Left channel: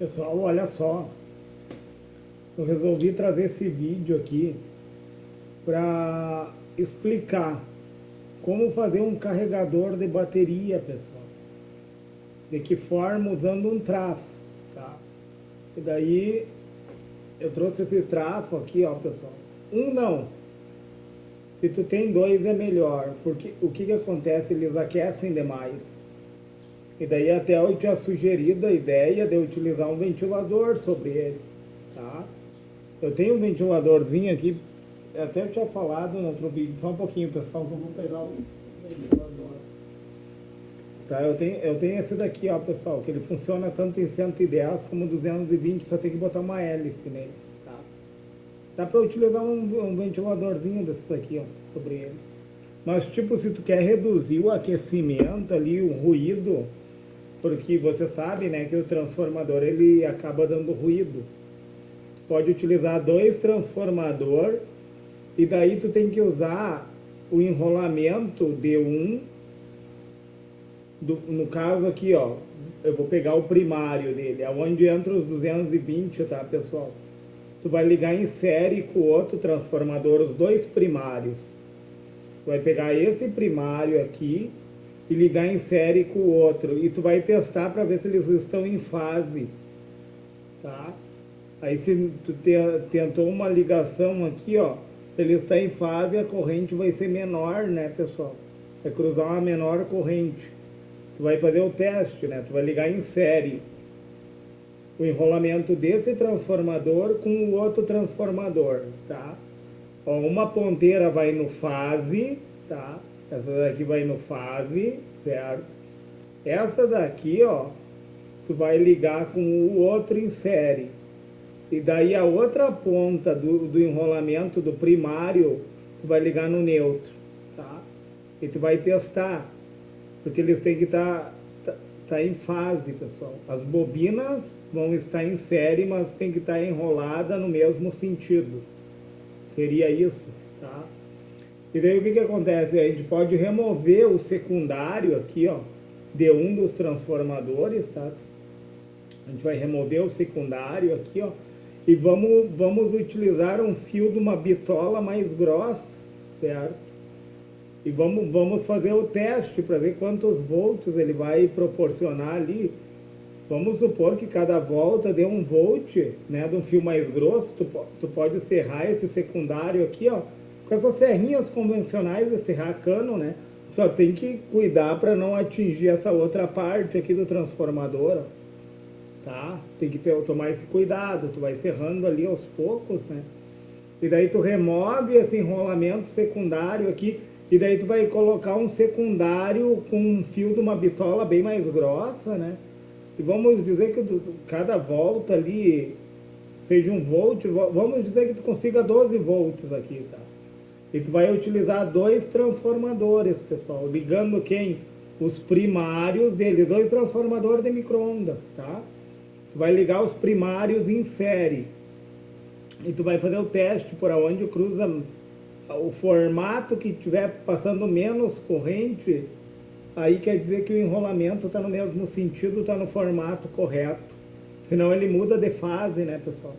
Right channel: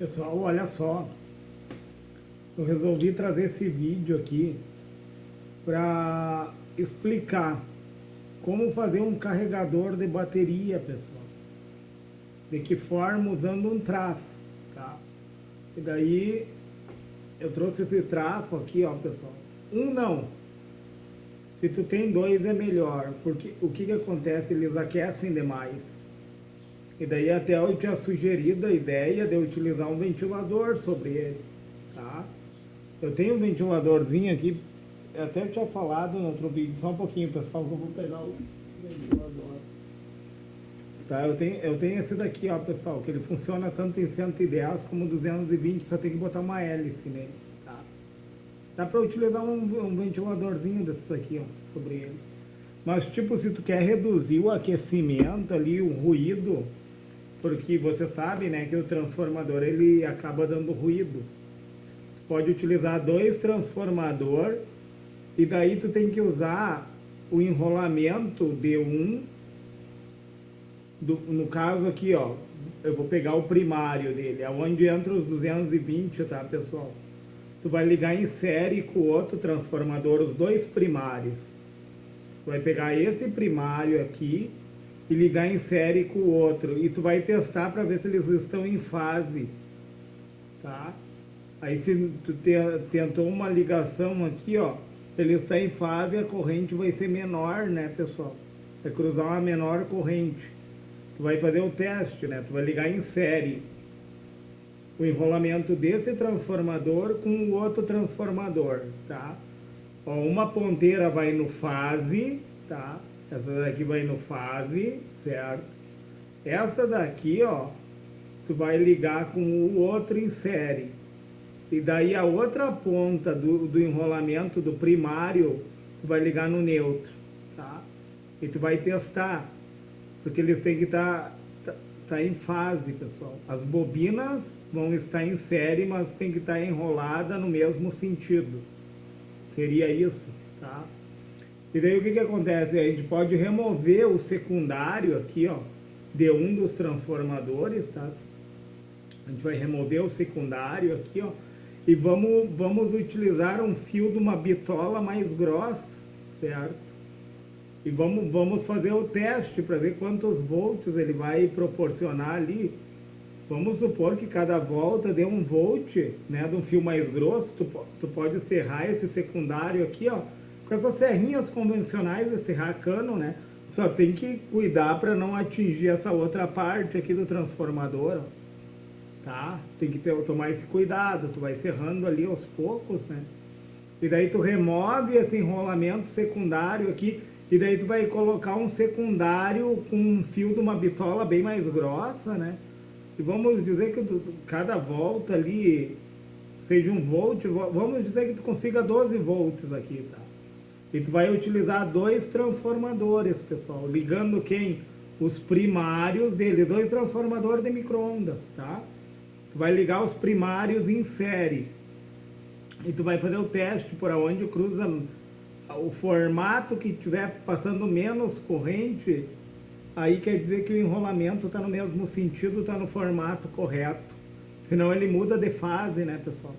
Pessoal, olha só, eu resolvi trazer esse vídeo aqui para explicar como fazer um carregador de bateria, pessoal. De que forma? Usando um trafo, tá? E daí eu trouxe esse trafo aqui, ó, pessoal. Um não. Se tu tem dois é melhor, porque o que acontece? Eles aquecem demais. E daí até eu tinha sugerido a ideia de eu utilizar um ventilador sobre ele, tá? Eu tenho um ventiladorzinho aqui, até eu tinha falado no outro vídeo, só um pouquinho, pessoal, que eu vou pegar o ventilador. Tá, eu tenho esse daqui, ó, pessoal, que ele funciona tanto em 110 como 220, só tem que botar uma hélice nele, tá? Dá para utilizar um ventiladorzinho desse daqui, ó, sobre ele. Mas, tipo, se tu quer reduzir o aquecimento ali, o ruído, porque você sabe, né, que o transformador ele acaba dando ruído. Pode utilizar dois transformadores e daí tu tem que usar o enrolamento de um, no caso aqui, ó, eu vou pegar o primário dele, é onde entra os 220, tá, pessoal? Tu vai ligar em série com o outro transformador, os dois primários. Tu vai pegar esse primário aqui e ligar em série com o outro. E tu vai testar para ver se eles estão em fase, tá? Aí se tu tentou uma ligação aqui, ó, ele está em fase, a corrente vai ser menor, né, pessoal? Vai cruzar uma menor corrente. Tu vai fazer o teste, né? Tu vai ligar em série o enrolamento desse transformador com o outro transformador, tá? Ó, uma ponteira vai no fase, tá? Essa daqui vai no fase, certo? Essa daqui, ó, tu vai ligar com o outro em série. E daí a outra ponta do enrolamento do primário, tu vai ligar no neutro, tá? E tu vai testar, porque eles têm que estar em fase, pessoal. As bobinas vão estar em série, mas tem que estar enrolada no mesmo sentido. Seria isso, tá? E daí o que acontece? A gente pode remover o secundário aqui, ó, de um dos transformadores, tá? A gente vai remover o secundário aqui, ó, e vamos utilizar um fio de uma bitola mais grossa, certo? E vamos fazer o teste para ver quantos volts ele vai proporcionar ali. Vamos supor que cada volta dê 1 volt, né, de um fio mais grosso. Tu pode serrar esse secundário aqui, ó, com essas serrinhas convencionais de serrar cano, né? Só tem que cuidar para não atingir essa outra parte aqui do transformador, ó, tá? Tem que tomar esse cuidado, tu vai serrando ali aos poucos, né? E daí tu remove esse enrolamento secundário aqui, e daí tu vai colocar um secundário com um fio de uma bitola bem mais grossa, né? E vamos dizer que cada volta ali seja 1 volt, vamos dizer que tu consiga 12 volts aqui, tá? E tu vai utilizar dois transformadores, pessoal, ligando quem? Os primários dele, dois transformadores de micro-ondas, tá? Tu vai ligar os primários em série. E tu vai fazer o teste por onde cruza o formato que estiver passando menos corrente, aí quer dizer que o enrolamento está no mesmo sentido, está no formato correto. Senão ele muda de fase, né, pessoal?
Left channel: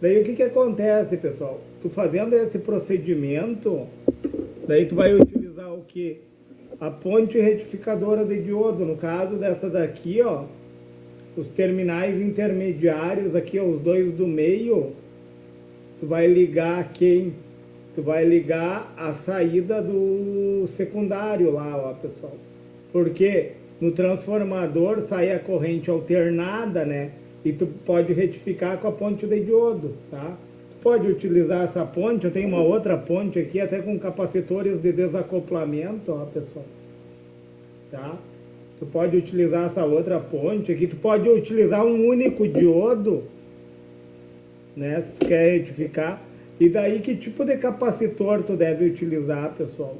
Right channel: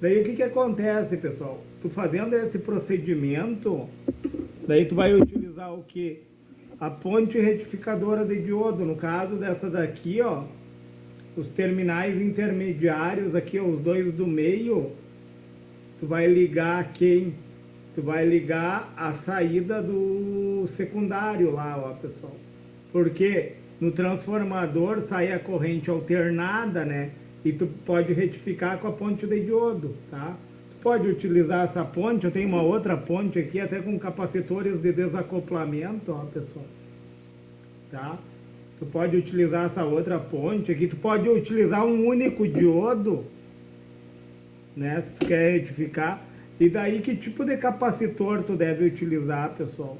Daí o que acontece, pessoal? Tu fazendo esse procedimento, daí tu vai utilizar o que? A ponte retificadora de diodo. No caso dessa daqui, ó, os terminais intermediários aqui, ó, os dois do meio, tu vai ligar quem? Tu vai ligar a saída do secundário lá, ó, pessoal. Porque no transformador sai a corrente alternada, né? E tu pode retificar com a ponte de diodo, tá? Tu pode utilizar essa ponte, eu tenho uma outra ponte aqui, até com capacitores de desacoplamento, ó, pessoal. Tá? Tu pode utilizar essa outra ponte aqui, tu pode utilizar um único diodo, né? Se tu quer retificar. E daí que tipo de capacitor tu deve utilizar, pessoal?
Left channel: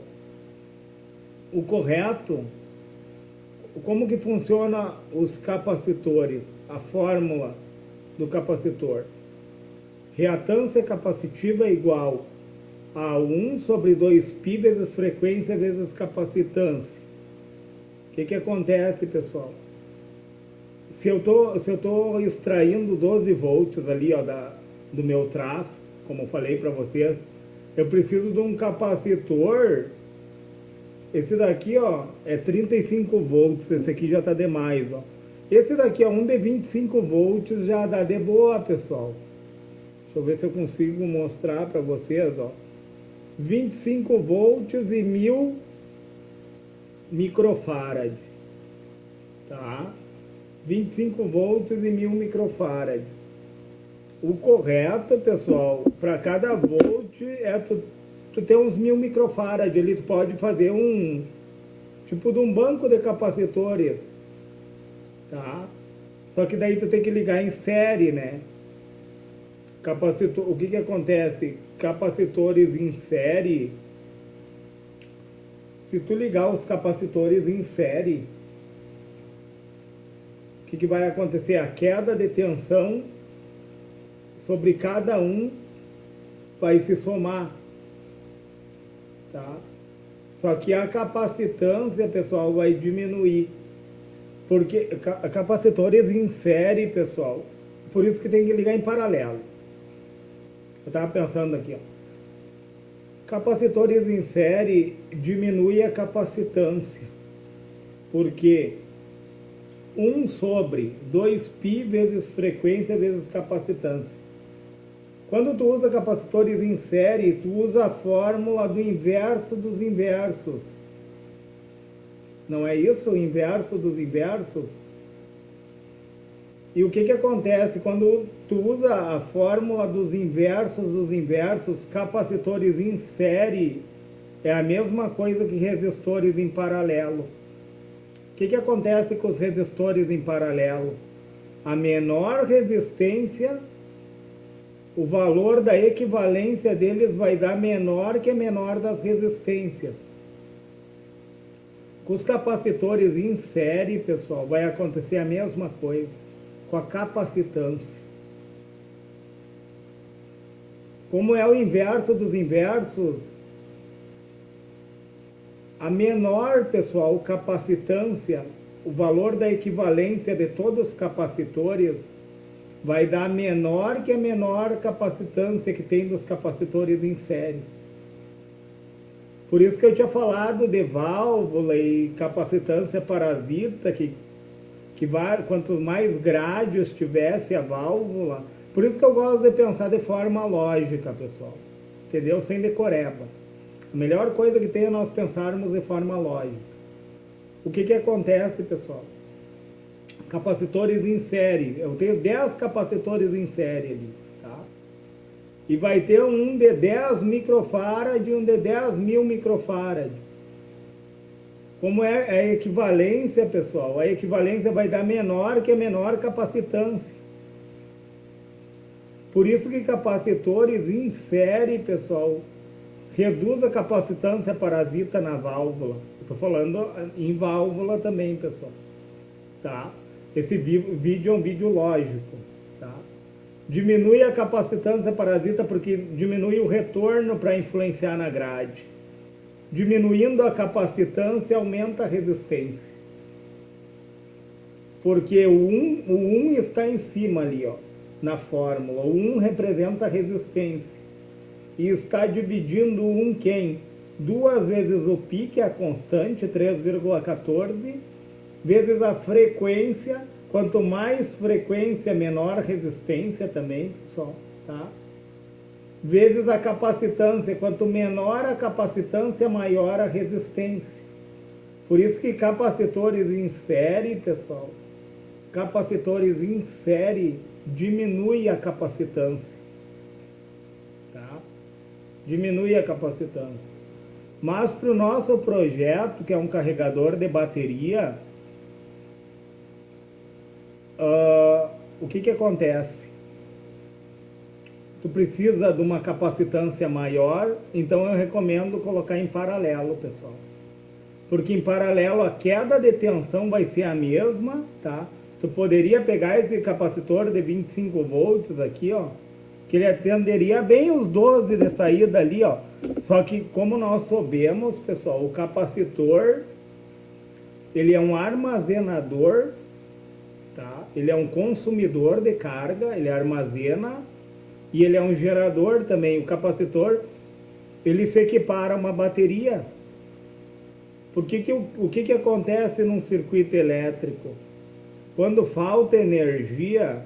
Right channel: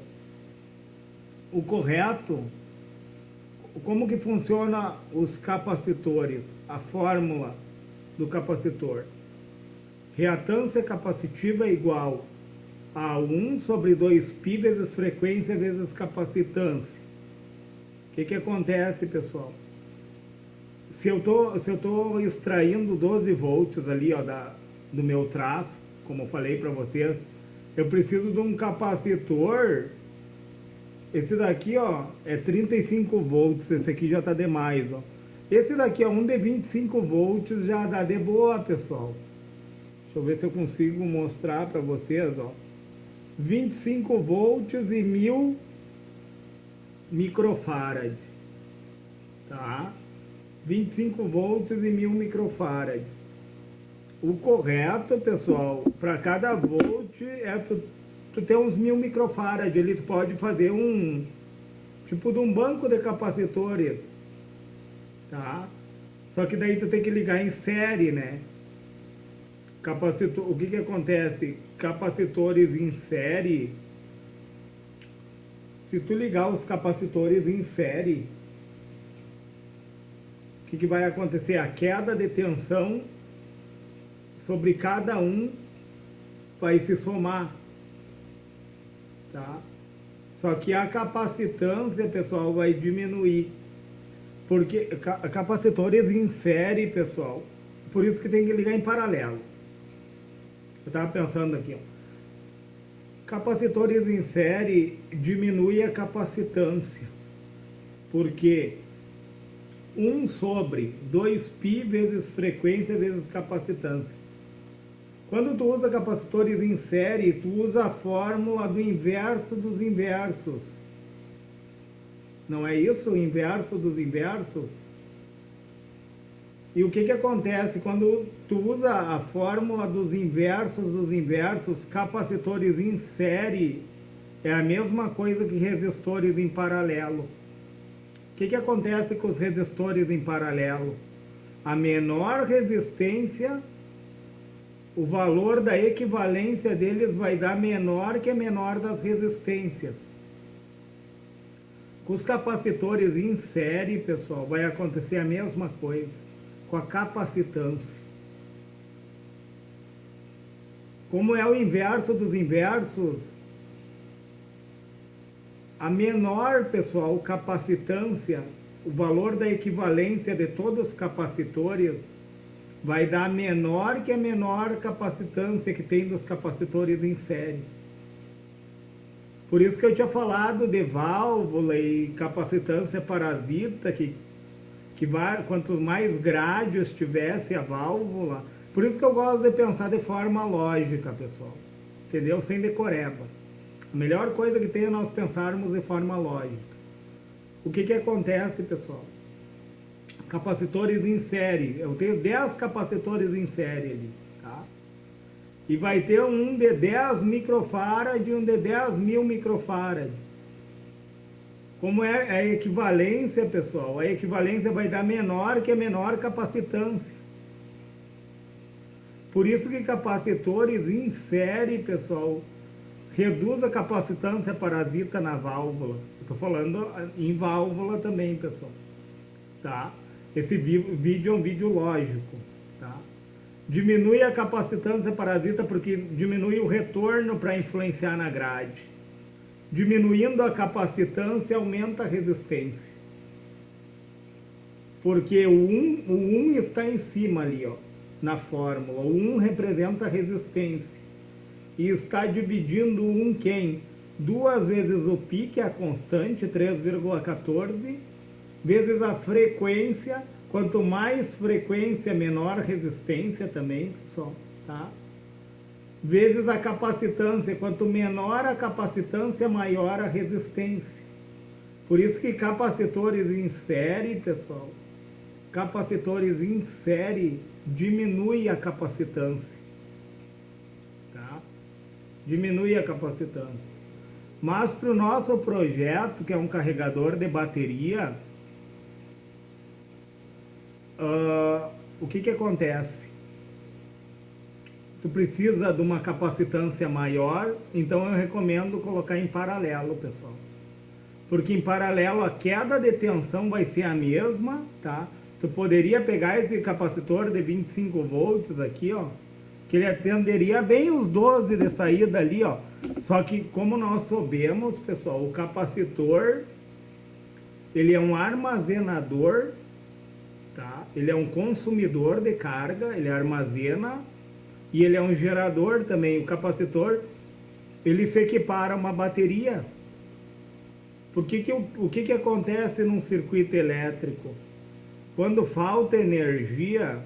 O correto, como que funciona os capacitores? A fórmula do capacitor. Reatância capacitiva é igual a 1 sobre 2π vezes frequência vezes capacitância. O que acontece, pessoal? se eu tô extraindo 12 volts ali, ó, do meu traço, como eu falei para vocês, eu preciso de um capacitor. Esse daqui, ó, é 35 volts, esse aqui já tá demais, ó. Esse daqui é um de 25 volts, já dá de boa, pessoal. Deixa eu ver se eu consigo mostrar para vocês, ó. 25 volts e 1000 microfarad, tá? 25 volts e 1000 microfarad. O correto, pessoal, para cada volt é tu ter uns 1000 microfarad. Ali tu pode fazer um tipo de um banco de capacitores, tá? Só que daí tu tem que ligar em série, né? O que acontece? Capacitores em série, se tu ligar os capacitores em série, o que vai acontecer? A queda de tensão sobre cada um vai se somar, tá? Só que a capacitância, pessoal, vai diminuir, porque capacitores em série, pessoal, por isso que tem que ligar em paralelo. Eu estava pensando aqui, ó. Capacitores em série diminui a capacitância, porque 1 sobre 2π vezes frequência vezes capacitância. Quando tu usa capacitores em série, tu usa a fórmula do inverso dos inversos. Não é isso? O inverso dos inversos? E o que acontece quando tu usa a fórmula dos inversos, capacitores em série é a mesma coisa que resistores em paralelo. O que acontece com os resistores em paralelo? A menor resistência, o valor da equivalência deles vai dar menor que a menor das resistências. Com os capacitores em série, pessoal, vai acontecer a mesma coisa com a capacitância. Como é o inverso dos inversos, a menor, pessoal, capacitância, o valor da equivalência de todos os capacitores vai dar menor que a menor capacitância que tem dos capacitores em série. Por isso que eu tinha falado de válvula e capacitância parasita, que quanto mais grádios tivesse a válvula, por isso que eu gosto de pensar de forma lógica, pessoal, entendeu? Sem decoreba. A melhor coisa que tem é nós pensarmos de forma lógica. O que acontece, pessoal? Capacitores em série, eu tenho 10 capacitores em série ali, tá? E vai ter um de 10 microfarad e um de 10.000 microfarad. Como é a equivalência, pessoal? A equivalência vai dar menor que a menor capacitância. Por isso que capacitores em série, pessoal, reduz a capacitância parasita na válvula. Estou falando em válvula também, pessoal. Tá? Esse vídeo é um vídeo lógico. Tá? Diminui a capacitância parasita porque diminui o retorno para influenciar na grade. Diminuindo a capacitância, aumenta a resistência. Porque o 1 está em cima ali, ó, na fórmula. O 1 representa a resistência. E está dividindo o 1 quem? 2 vezes o π, que é a constante, 3,14, vezes a frequência. Quanto mais frequência, menor resistência também, pessoal, tá? Vezes a capacitância. Quanto menor a capacitância, maior a resistência. Por isso que capacitores em série, pessoal, capacitores em série diminui a capacitância. Tá? Diminui a capacitância. Mas para o nosso projeto, que é um carregador de bateria, o que acontece? Tu precisa de uma capacitância maior, então eu recomendo colocar em paralelo, pessoal. Porque em paralelo a queda de tensão vai ser a mesma, tá? Tu poderia pegar esse capacitor de 25 volts aqui, ó, que ele atenderia bem os 12 de saída ali, ó. Só que como nós sabemos, pessoal, o capacitor, ele é um armazenador tá? Ele é um consumidor de carga, ele armazena e ele é um gerador também. O capacitor, ele se equipara a uma bateria. O que acontece num circuito elétrico? Quando falta energia,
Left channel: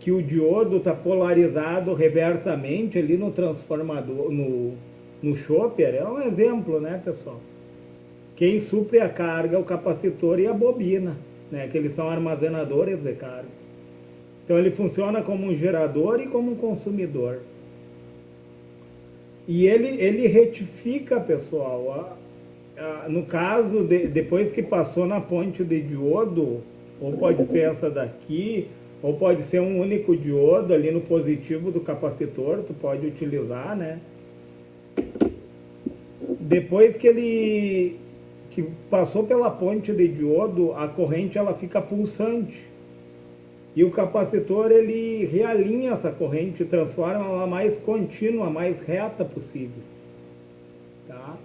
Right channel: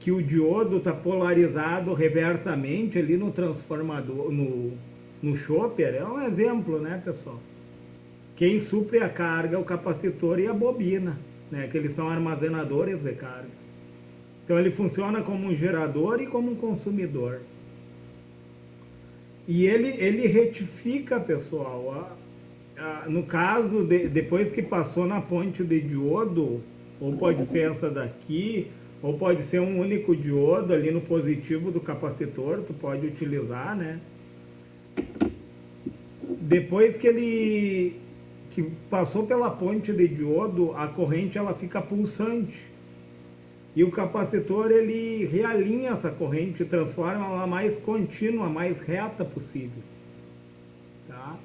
que o diodo está polarizado reversamente ali no transformador, no chopper, é um exemplo, né, pessoal? Quem supre a carga é o capacitor e a bobina, né, que eles são armazenadores de carga. Então ele funciona como um gerador e como um consumidor. E ele retifica, pessoal, no caso, depois que passou na ponte de diodo, ou pode ser essa daqui, ou pode ser um único diodo ali no positivo do capacitor, tu pode utilizar, né? Depois que passou pela ponte de diodo, a corrente ela fica pulsante. E o capacitor ele realinha essa corrente, transforma ela mais contínua, mais reta possível. Tá?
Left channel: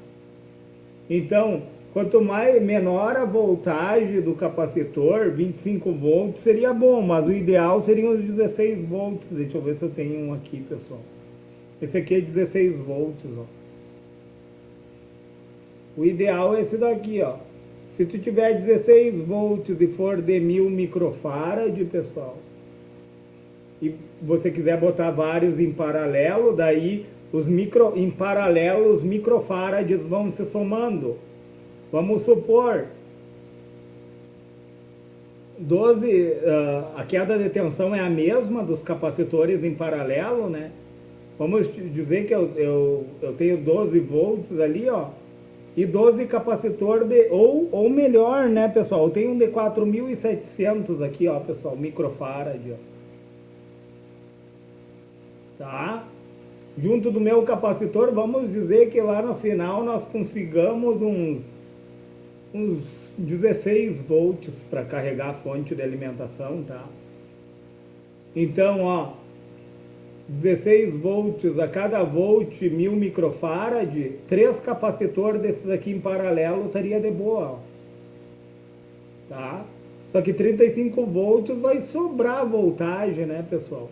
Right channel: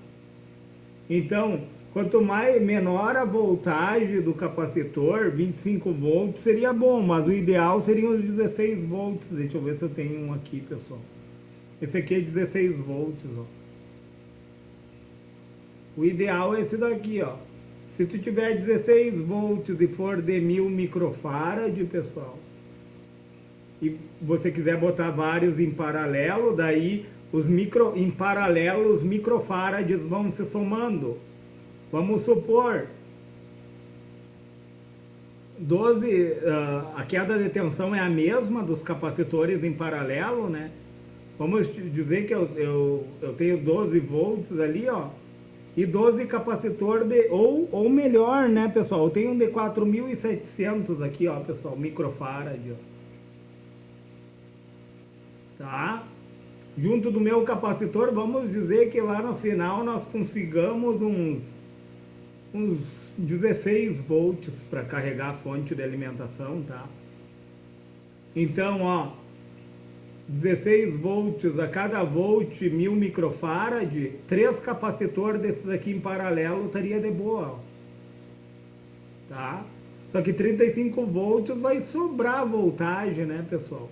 Então, quanto menor a voltagem do capacitor, 25 volts seria bom, mas o ideal seriam os 16 volts. Deixa eu ver se eu tenho um aqui, pessoal. Esse aqui é 16 volts, ó. O ideal é esse daqui, ó. Se tu tiver 16 volts e for de 1000 microfarad, pessoal, e você quiser botar vários em paralelo, daí em paralelo os microfarads vão se somando. Vamos supor 12, a queda de tensão é a mesma dos capacitores em paralelo, né? Vamos dizer que eu tenho 12 volts ali, ó, e 12 capacitor ou melhor, né, pessoal? Eu tenho um de 4700 aqui, ó, pessoal, microfarad, ó. Tá? Junto do meu capacitor, vamos dizer que lá no final nós consigamos uns 16 volts para carregar a fonte de alimentação, tá? Então, ó, 16 volts a cada volt, 1000 microfarad, 3 capacitores desses aqui em paralelo estaria de boa, ó. Tá? Só que 35 volts vai sobrar voltagem, né, pessoal?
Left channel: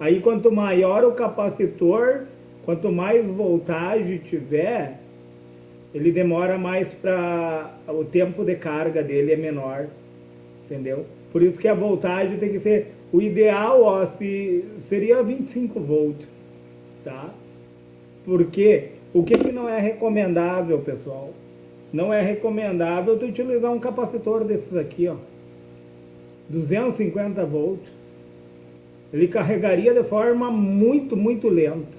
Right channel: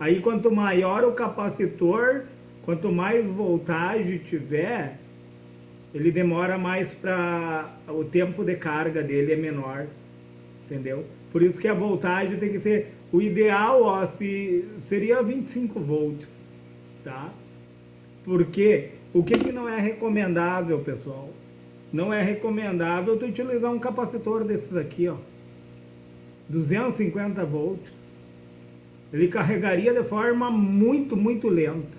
Aí quanto maior o capacitor, quanto mais voltagem tiver, ele demora mais para... o tempo de carga dele é menor, entendeu? Por isso que a voltagem tem que ser... O ideal, ó, seria 25 volts, tá? Porque o que não é recomendável, pessoal? Não é recomendável tu utilizar um capacitor desses aqui, ó. 250 volts. Ele carregaria de forma muito, muito lenta.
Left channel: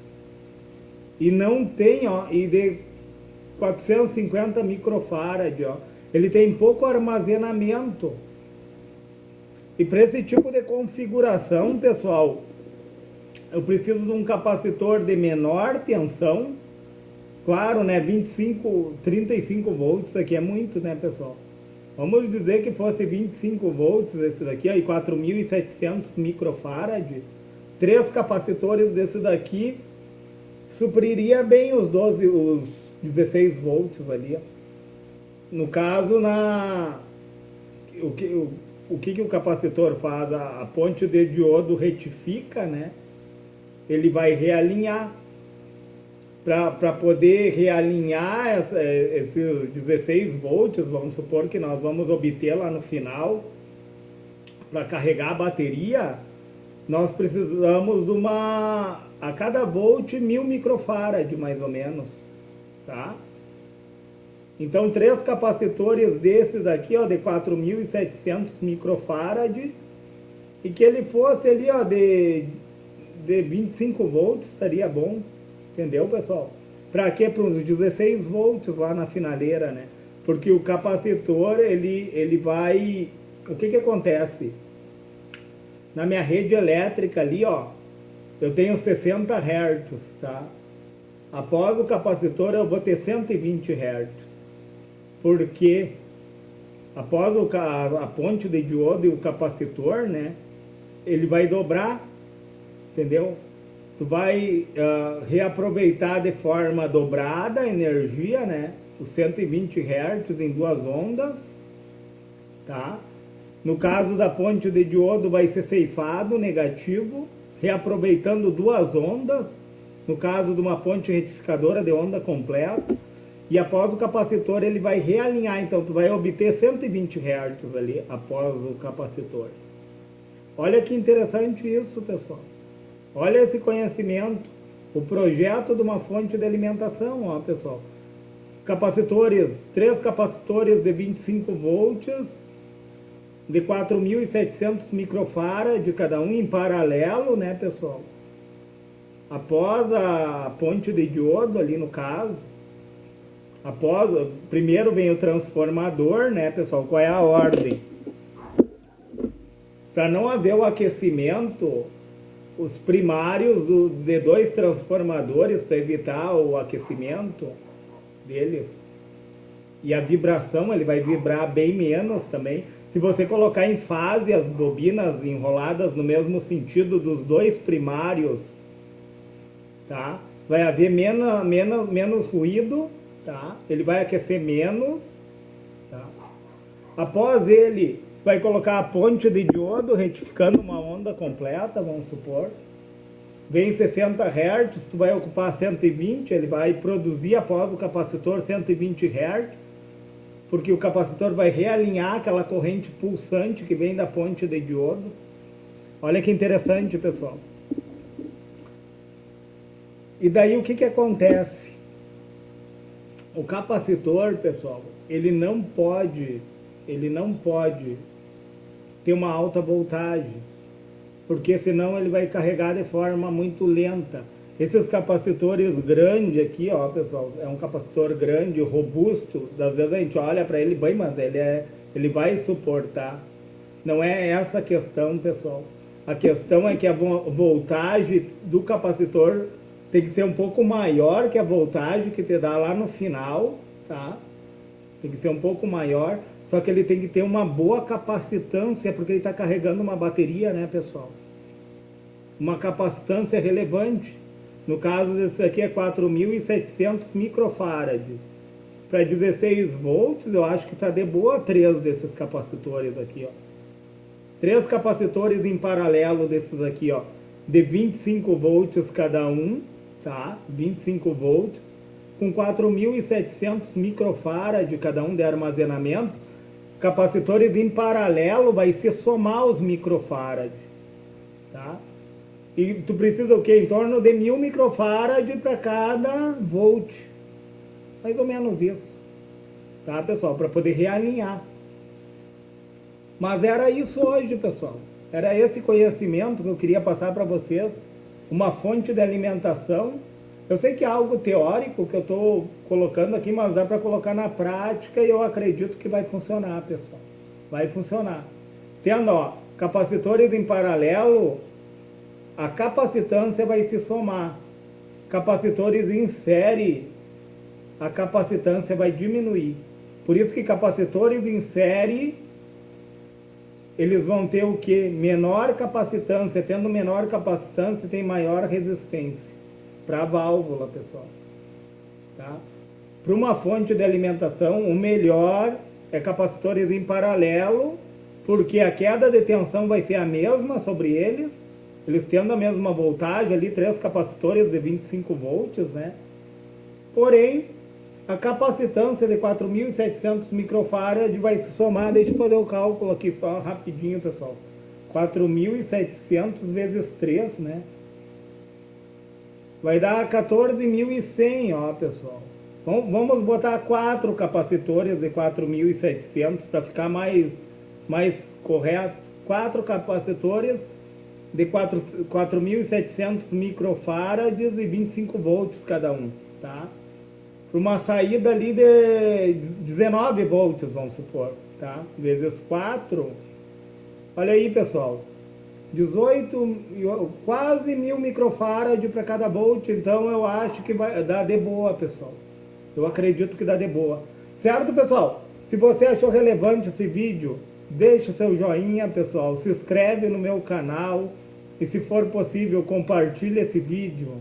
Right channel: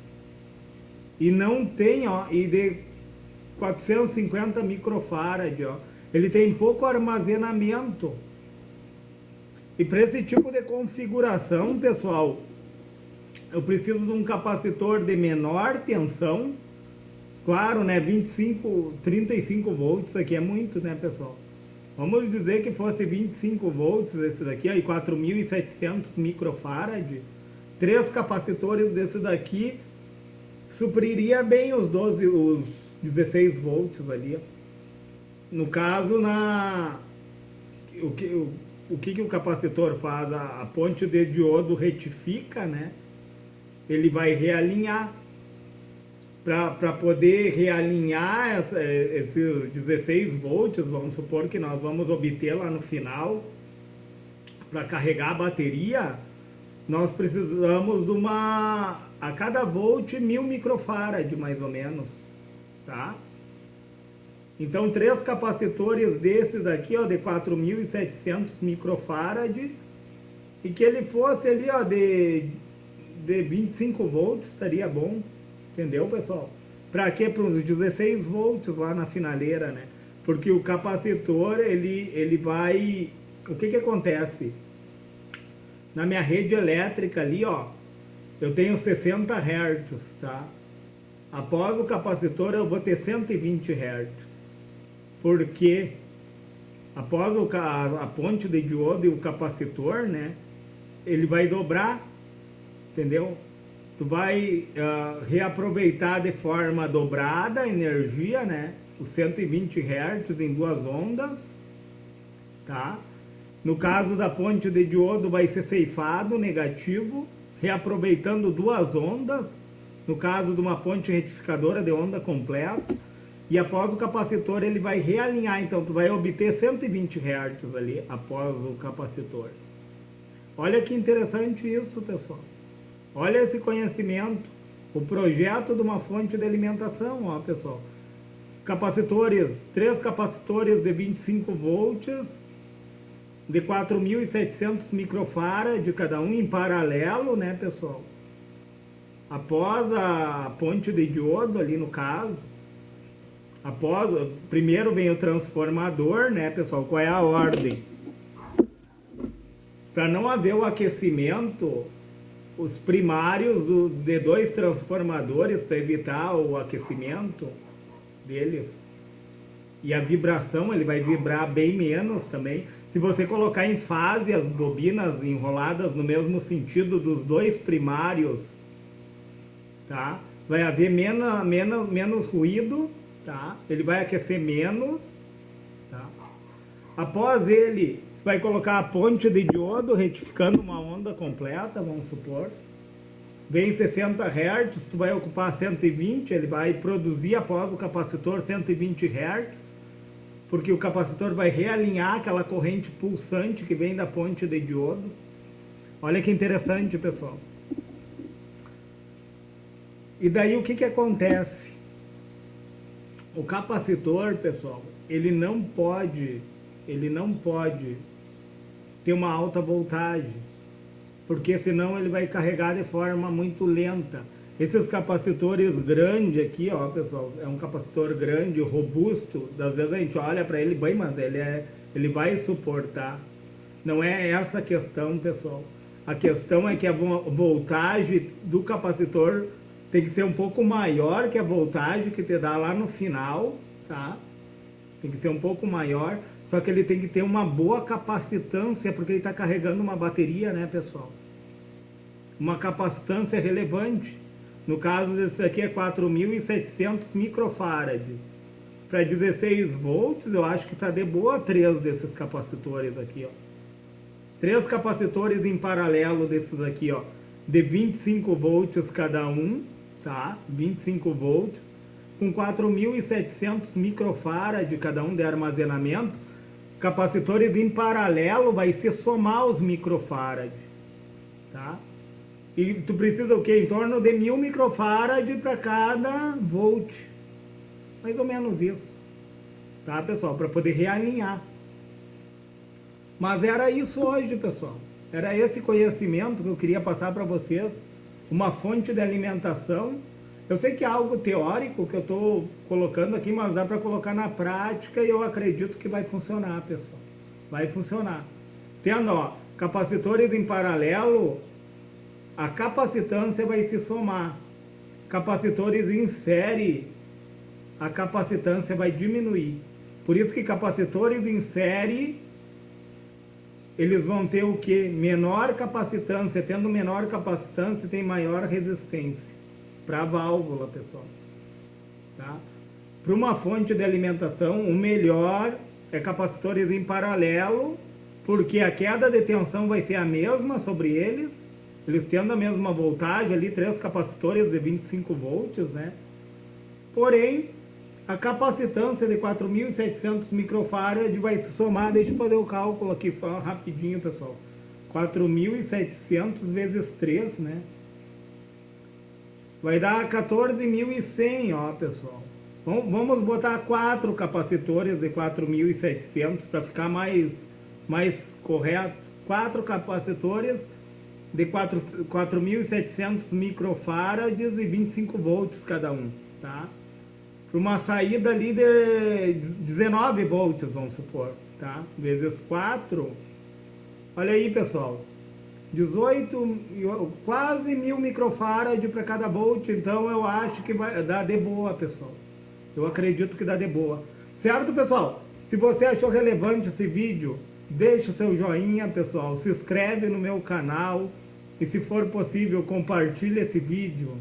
E não tem, ó, e de 450 microfarad, ó. Ele tem pouco armazenamento. E para esse tipo de configuração, pessoal, eu preciso de um capacitor de menor tensão. Claro, né, 35 volts aqui é muito, né, pessoal? Vamos dizer que fosse 25 volts esse daqui, aí 4700 microfarad. 3 capacitores desse daqui supriria bem os 16 volts ali, ó. No caso, o que o capacitor faz? A ponte de diodo retifica, né? Ele vai realinhar. Para poder realinhar esses 16 volts, vamos supor que nós vamos obter lá no final, para carregar a bateria, nós precisamos de a cada volt 1000 microfarad, mais ou menos, tá? Então, 3 capacitores desses aqui, ó, de 4700 microfarad, e que ele fosse ali, ó, de 25 volts, estaria bom. Entendeu, pessoal? Para quê? Para uns 16 volts lá na finaleira, né? Porque o capacitor, ele vai... O que acontece? Na minha rede elétrica ali, ó, eu tenho 60 Hz, tá? Após o capacitor eu vou ter 120 Hz. Porque após a ponte de diodo e o capacitor, né? Ele vai dobrar, entendeu? Tu vai reaproveitar de forma dobrada a energia, né? Os 120 Hz em 2 ondas, tá? No caso da ponte de diodo vai ser ceifado, negativo, reaproveitando duas ondas, no caso de uma ponte retificadora de onda completa, e após o capacitor ele vai realinhar, então tu vai obter 120 Hz ali após o capacitor. Olha que interessante isso, pessoal. Olha esse conhecimento, o projeto de uma fonte de alimentação, ó, pessoal. Capacitores, 3 capacitores de 25 volts, de 4.700 microfarad de cada um em paralelo, né, pessoal? Após a ponte de diodo ali no caso, primeiro vem o transformador, né, pessoal? Qual é a ordem? Para não haver o aquecimento, os primários de 2 transformadores para evitar o aquecimento deles. E a vibração, ele vai vibrar bem menos também. Se você colocar em fase as bobinas enroladas no mesmo sentido dos 2 primários, tá? Vai haver menos ruído, tá? Ele vai aquecer menos, tá? Após ele, vai colocar a ponte de diodo retificando uma onda completa, vamos supor. Vem 60 Hz, tu vai ocupar 120, ele vai produzir após o capacitor 120 Hz. Porque o capacitor vai realinhar aquela corrente pulsante que vem da ponte de diodo. Olha que interessante, pessoal. E daí o que acontece? O capacitor, pessoal, ele não pode ter uma alta voltagem, porque senão ele vai carregar de forma muito lenta. Esses capacitores grandes aqui, ó, pessoal, é um capacitor grande, robusto. Às vezes a gente olha para ele, bem, mas ele vai suportar. Não é essa a questão, pessoal. A questão é que a voltagem do capacitor tem que ser um pouco maior que a voltagem que te dá lá no final, tá? Tem que ser um pouco maior, só que ele tem que ter uma boa capacitância, porque ele está carregando uma bateria, né, pessoal? Uma capacitância relevante. No caso desse aqui é 4.700 microfarad. Para 16 volts, eu acho que está de boa 3 desses capacitores aqui, ó. 3 capacitores em paralelo desses aqui, ó, de 25 volts cada um, tá? 25 volts, com 4.700 microfarad cada um de armazenamento. Capacitores em paralelo vai se somar os microfarad, tá? E tu precisa o quê? Em torno de 1.000 microfarad para cada volt. Mais ou menos isso. Tá, pessoal? Para poder realinhar. Mas era isso hoje, pessoal. Era esse conhecimento que eu queria passar para vocês. Uma fonte de alimentação. Eu sei que é algo teórico que eu estou colocando aqui, mas dá para colocar na prática e eu acredito que vai funcionar, pessoal. Vai funcionar. Tendo, ó, capacitores em paralelo, a capacitância vai se somar. Capacitores em série, a capacitância vai diminuir. Por isso que capacitores em série, eles vão ter o que? Menor capacitância. Tendo menor capacitância, tem maior resistência para a válvula, pessoal. Tá? Para uma fonte de alimentação, o melhor é capacitores em paralelo, porque a queda de tensão vai ser a mesma sobre eles. Eles tendo a mesma voltagem ali, 3 capacitores de 25 volts, né? Porém, a capacitância de 4.700 microfarad vai se somar, deixa eu fazer o cálculo aqui só rapidinho, pessoal. 4.700 vezes 3, né? Vai dar 14.100, ó, pessoal. Vamos botar 4 capacitores de 4.700 para ficar mais correto. 4 capacitores de 4.700 microfarads e 25 volts cada um, tá? Para uma saída ali de 19 volts, vamos supor, tá? Vezes 4, olha aí, pessoal, 18, quase 1.000 microfarads para cada volt, então eu acho que vai dar de boa, pessoal. Eu acredito que dá de boa. Certo, pessoal? Se você achou relevante esse vídeo, deixa o seu joinha, pessoal, se inscreve no meu canal, e se for possível, compartilhe esse vídeo